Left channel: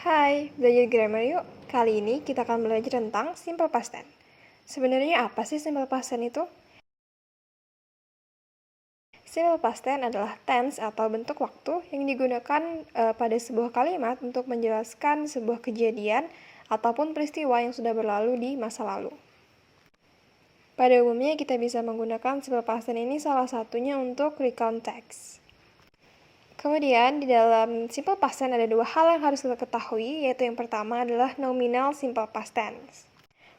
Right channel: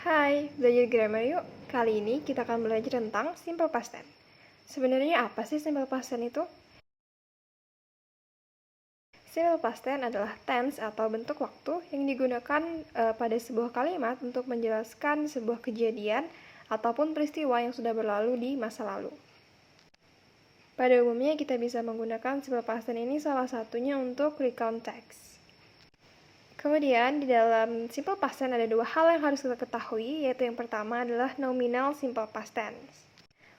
Hai, belajar grammar yuk. Kali ini kita akan belajar tentang simple past tense. Sebenarnya apa sih simple past tense itu? Simple past tense adalah tense atau bentuk waktu yang digunakan pada sebuah kalimat untuk menjelaskan sebuah kejadian ataupun peristiwa yang sudah berlalu di masa lalu. Pada umumnya kita bisa menggunakan simple past tense ini salah satunya untuk recount text. Kemudian di dalam simple past tense ada dua hal yang harus kita ketahui, yaitu yang pertama adalah nominal simple past tense.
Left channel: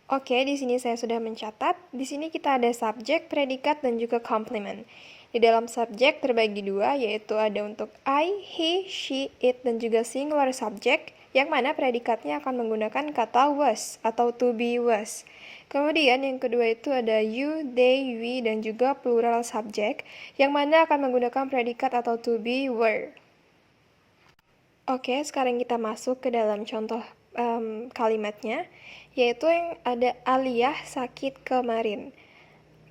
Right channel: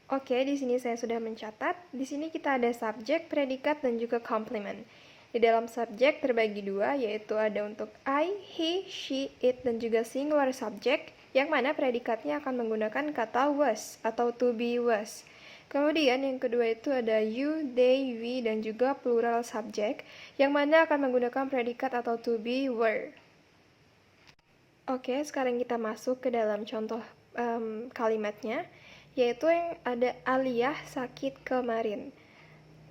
Oke, di sini saya sudah mencatat. Di sini kita ada subjek, predikat, dan juga complement. Di dalam subjek terbagi dua, yaitu ada untuk I, he, she, it, dan juga singular subject, yang mana predikatnya akan menggunakan kata was atau to be was. Kemudian yang kedua itu ada you, they, we, dan juga plural subject, yang mana akan menggunakan predikat atau to be were. Oke, sekarang kita masuk ke dalam contoh kalimatnya, yaitu yang ada Aliyah sakit kemarin.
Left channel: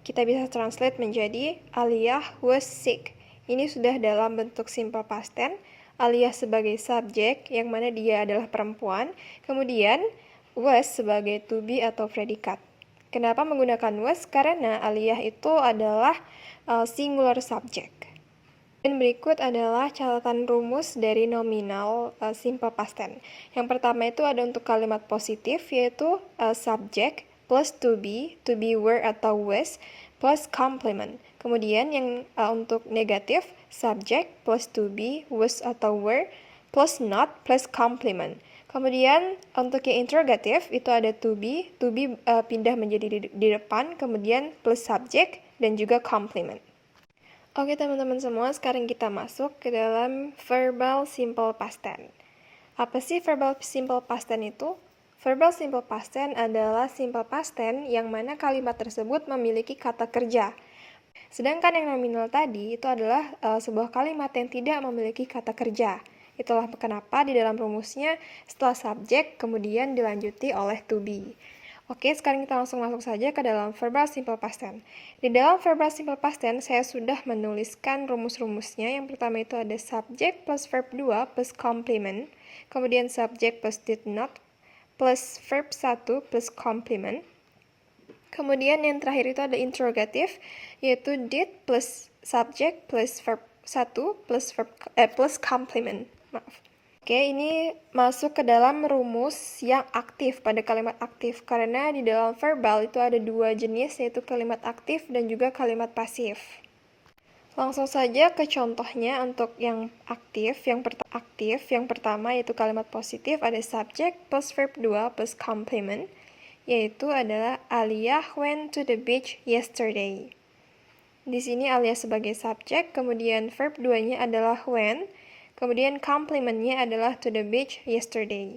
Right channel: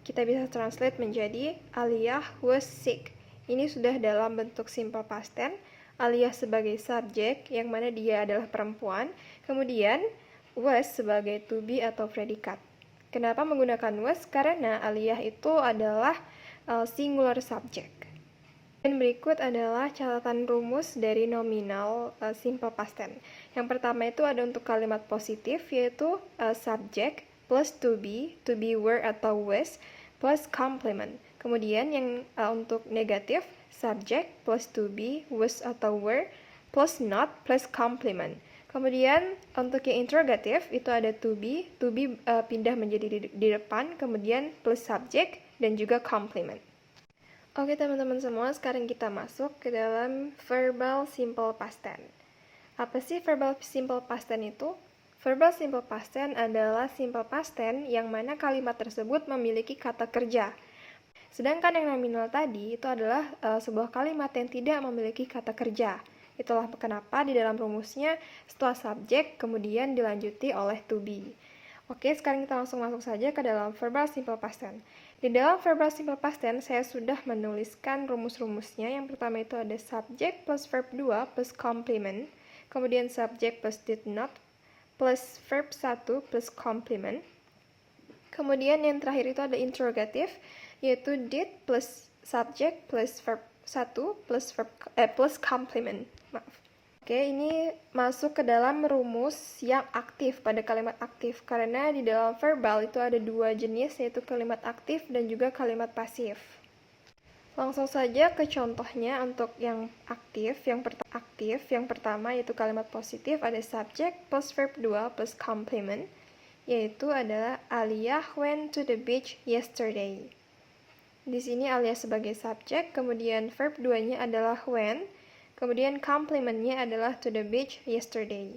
Kita bisa translate menjadi Aliyah was sick. Ini sudah dalam bentuk simple past tense. Aliyah sebagai subjek, yang mana dia adalah perempuan. Kemudian was sebagai to be atau predikat. Kenapa menggunakan was? Karena Aliyah itu adalah singular subject. Dan berikut adalah catatan rumus dari nominal simple past tense. Yang pertama itu ada untuk kalimat positif, yaitu subject plus to be were atau was, plus complement. Kemudian yang untuk negatif, subject plus to be, was atau were, plus not, plus complement. Kemudian untuk yang interrogatif itu ada to be pindah menjadi di depan, kemudian plus subject dan juga complement. Oke teman-teman semua, sekarang kita masuk ke dalam verbal simple past tense. Apa sih verbal simple past tense itu? Verbal simple past tense adalah simple past tense yang mana kalimat tersebut memiliki kata kerja. Sedangkan yang nominal tadi itu adalah sebuah kalimat yang tidak memiliki kata kerja. Itulah kenapa di dalam rumusnya setelah subjek kemudian dilanjuti oleh to be. Oke, sekarang kita langsung masuk saja ke dalam verbal simple past tense. Di dalam verbal simple past tense saya sudah menuliskan rumus-rumusnya. Yang pertama itu ada subject plus verb 2 plus complement, kemudian subject plus did not plus verb 1 plus complement. Kemudian yang terakhir itu ada interrogative, yaitu did plus subject plus verb 1 plus complement. Maaf. Oke, ini masuk ke dalam rumus yang aktif pada kalimat aktif, karena di dalam verbal itu ada dua jenis, yaitu kalimat aktif dan juga kalimat pasif. Langsung saja ke contohnya untuk yang aktif. Yang pertama yaitu kalimat positif, ada subject plus verb 2 plus complement, yaitu adalah Aliyah went to the beach yesterday. Di sini Aliyah sebagai subjek, kemudian verb 2-nya adalah went, kemudian complement-nya adalah to the beach yesterday.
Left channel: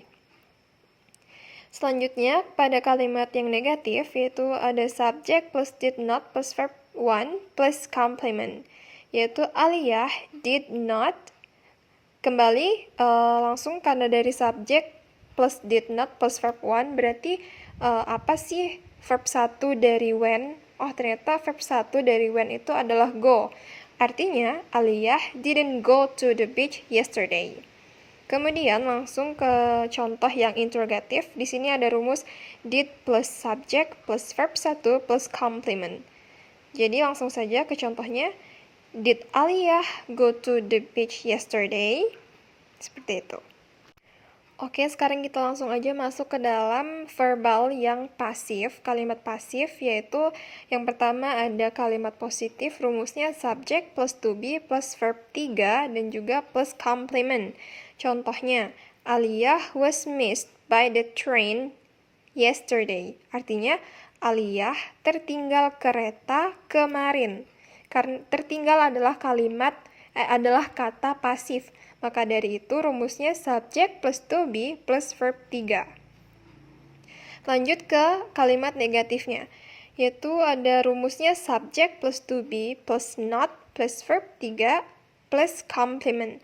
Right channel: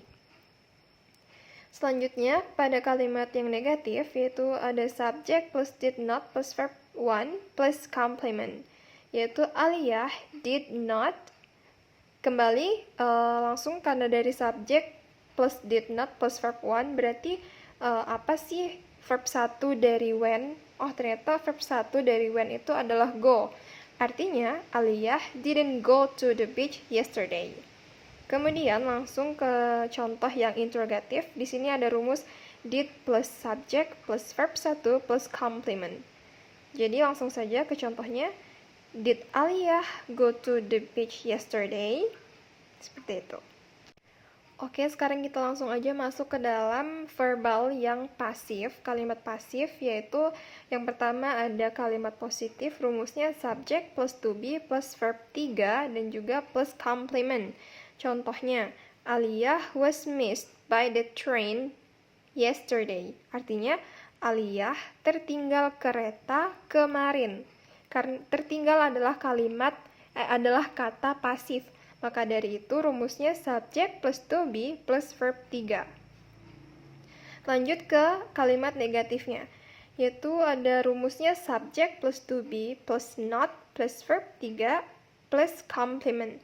Selanjutnya, pada kalimat yang negatif, yaitu ada subject plus did not plus verb 1 plus complement, yaitu Aliyah did not. Kembali, langsung karena dari subject plus did not plus verb 1, berarti apa sih verb 1 dari when? Oh, ternyata verb 1 dari when itu adalah go. Artinya, Aliyah didn't go to the beach yesterday. Kemudian langsung ke contoh yang interrogatif. Di sini ada rumus did plus subject plus verb 1 plus complement. Jadi langsung saja ke contohnya. Did Aliyah go to the beach yesterday? Seperti itu. Oke, sekarang kita langsung aja masuk ke dalam verbal yang pasif, kalimat pasif, yaitu yang pertama ada kalimat positif, rumusnya subject plus to be plus verb 3 dan juga plus complement. Contohnya, Aliyah was missed by the train yesterday. Artinya, Aliyah tertinggal kereta kemarin. Karena tertinggal adalah adalah kata pasif. Maka dari itu rumusnya subject plus to be plus verb 3. Lanjut ke kalimat negatifnya, yaitu ada rumusnya subject plus to be plus not plus verb 3 plus complement.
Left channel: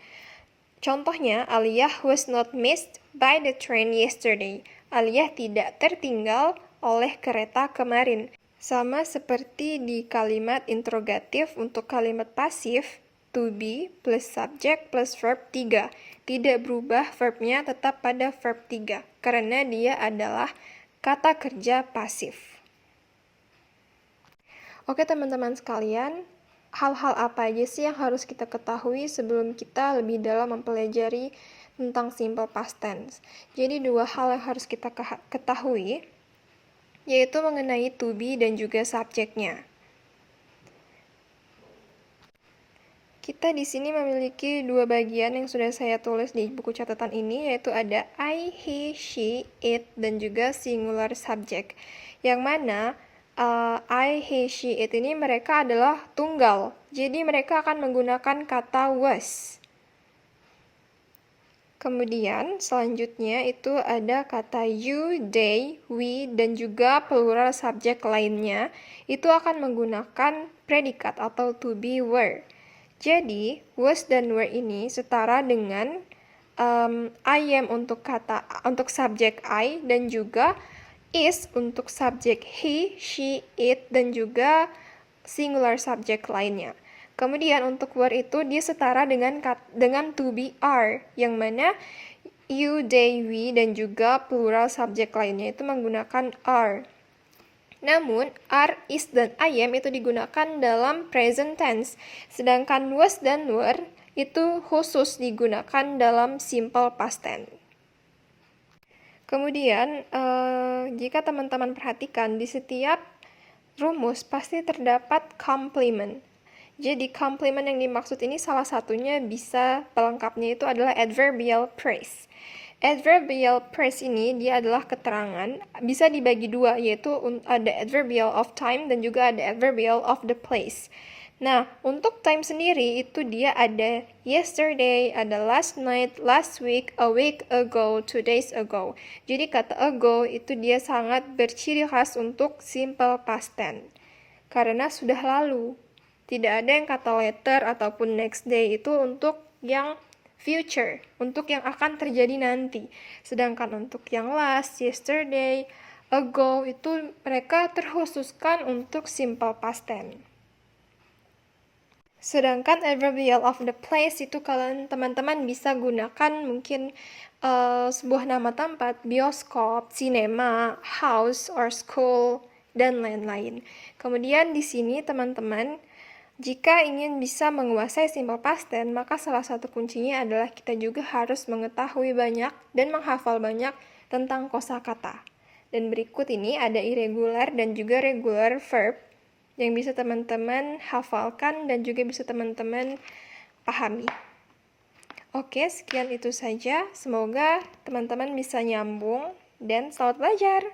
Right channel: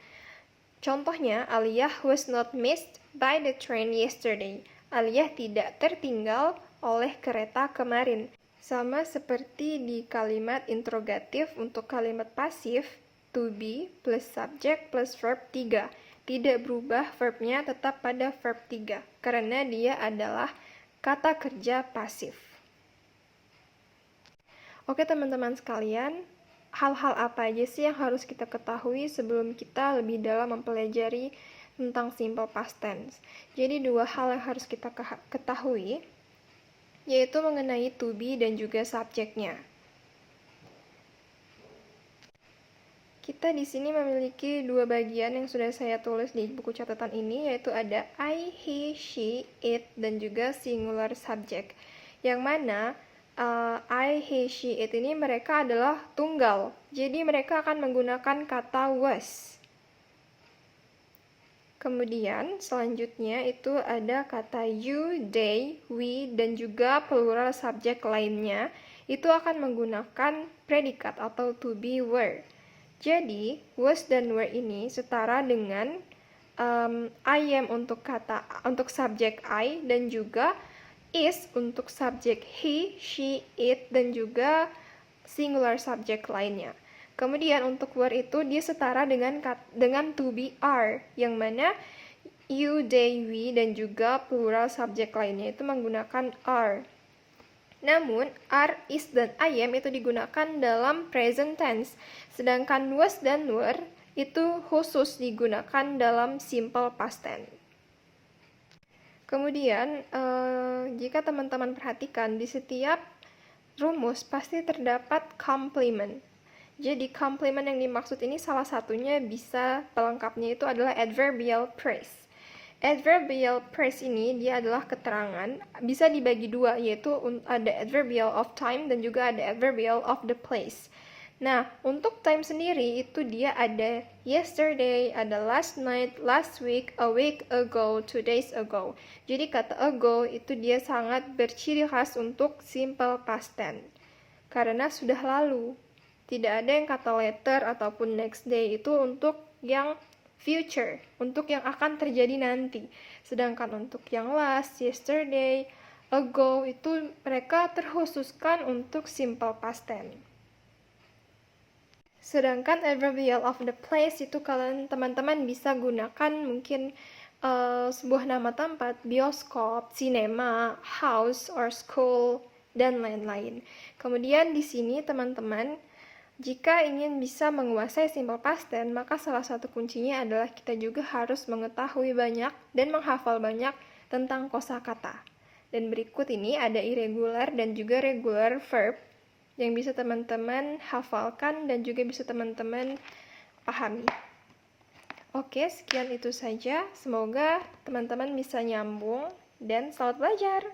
Contohnya, Aliyah was not missed by the train yesterday. Aliyah tidak tertinggal oleh kereta kemarin. Sama seperti di kalimat interrogatif untuk kalimat pasif, to be plus subject plus verb 3. Tidak berubah verbnya, tetap pada verb 3, karena dia adalah kata kerja pasif. Oke teman-teman sekalian, hal-hal apa aja sih yang harus kita ketahui sebelum kita lebih dalam mempelajari tentang simple past tense? Jadi 2 hal yang harus kita ketahui, yaitu mengenai to be dan juga subjeknya. Kita di sini memiliki 2 bagian yang sudah saya tulis di buku catatan ini, yaitu ada I, he, she, it, dan juga singular subject. Yang mana I, he, she, it ini mereka adalah tunggal. Jadi mereka akan menggunakan kata was. Kemudian selanjutnya itu ada kata you, they, we, dan juga plural subjek lainnya. Itu akan menggunakan predikat atau to be, were. Jadi was dan were ini setara dengan I am untuk subjek I, dan juga is untuk subjek he, she, it, dan juga singular subjek lainnya. Kemudian untuk were itu dia setara dengan to be, are, yang mana you, they, we, dan juga plural subjek lainnya itu menggunakan are. Namun, are, is, dan I am itu digunakan dalam present tense, sedangkan was dan were itu khusus digunakan dalam simple past tense. Kemudian, jika teman-teman perhatikan, di setiap rumus pasti terdapat complement. Jadi, complement yang dimaksud ini salah satunya bisa pelengkapnya itu adalah adverbial phrase. Adverbial phrase ini dia adalah keterangan, bisa dibagi 2, yaitu ada adverbial of time dan juga ada adverbial of the place. Nah, untuk time sendiri itu dia ada yesterday, ada last night, last week, a week ago, 2 days ago. Jadi kata ago itu dia sangat berciri khas untuk simple past tense. Karena sudah lalu. Tidak ada yang kata later ataupun next day, itu untuk yang future, untuk yang akan terjadi nanti. Sedangkan untuk yang last, yesterday, ago, itu mereka terkhususkan untuk simple past tense. Sedangkan adverbial of the place itu kalian teman-teman bisa gunakan mungkin sebuah nama tempat, bioskop, cinema, house, or school, dan lain-lain. Kemudian di sini teman-teman, jika ingin bisa menguasai simple past tense, maka salah satu kuncinya adalah kita juga harus mengetahui banyak dan menghafal banyak tentang kosakata. Dan berikut ini ada irregular dan juga regular verb yang bisa teman-teman hafalkan dan juga bisa teman-teman pahami. Oke, sekian itu saja. Semoga teman-teman bisa nyambung dan selamat belajar.